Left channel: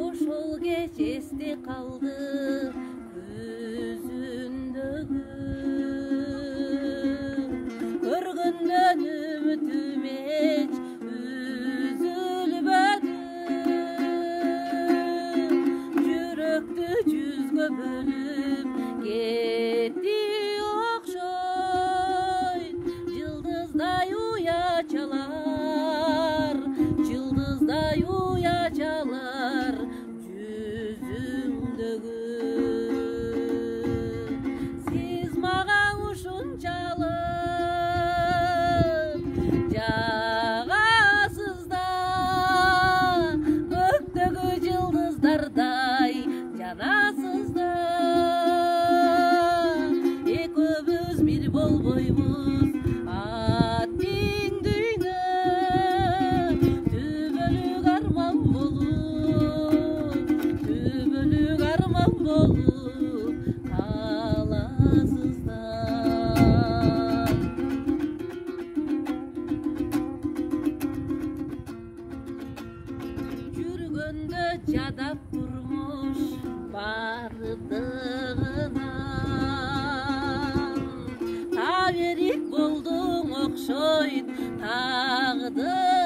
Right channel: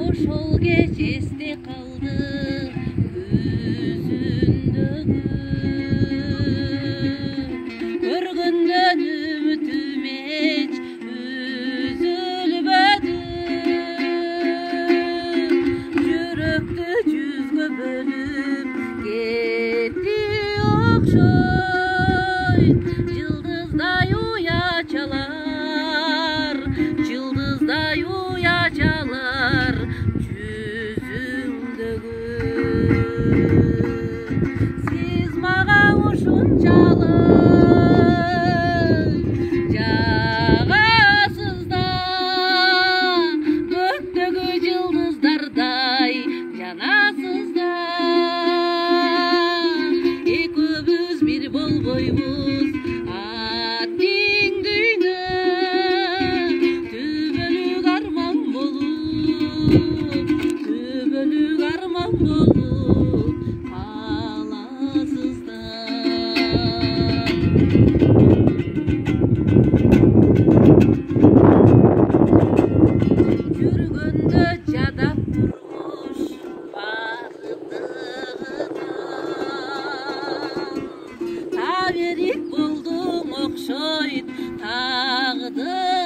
Ошол кеч эсте калды көзүндөгү көргөндөн үмүтүм эч үзүлбөдү жүрөктү жүзгө бөлүп кетти окшой жылдыздай уячалар жылдыздай уячалар жүзүңдөгү сиз мага ушунчалык жагасыз да көктөгү жылдыздардай жанасыз да экөөбүз бир болбойбуз аттиң дүйнө түбөлүк арман болуп каласыздар жүргөндө жадап турмуш бардыгынан таберик болдуң окшойт тагдыр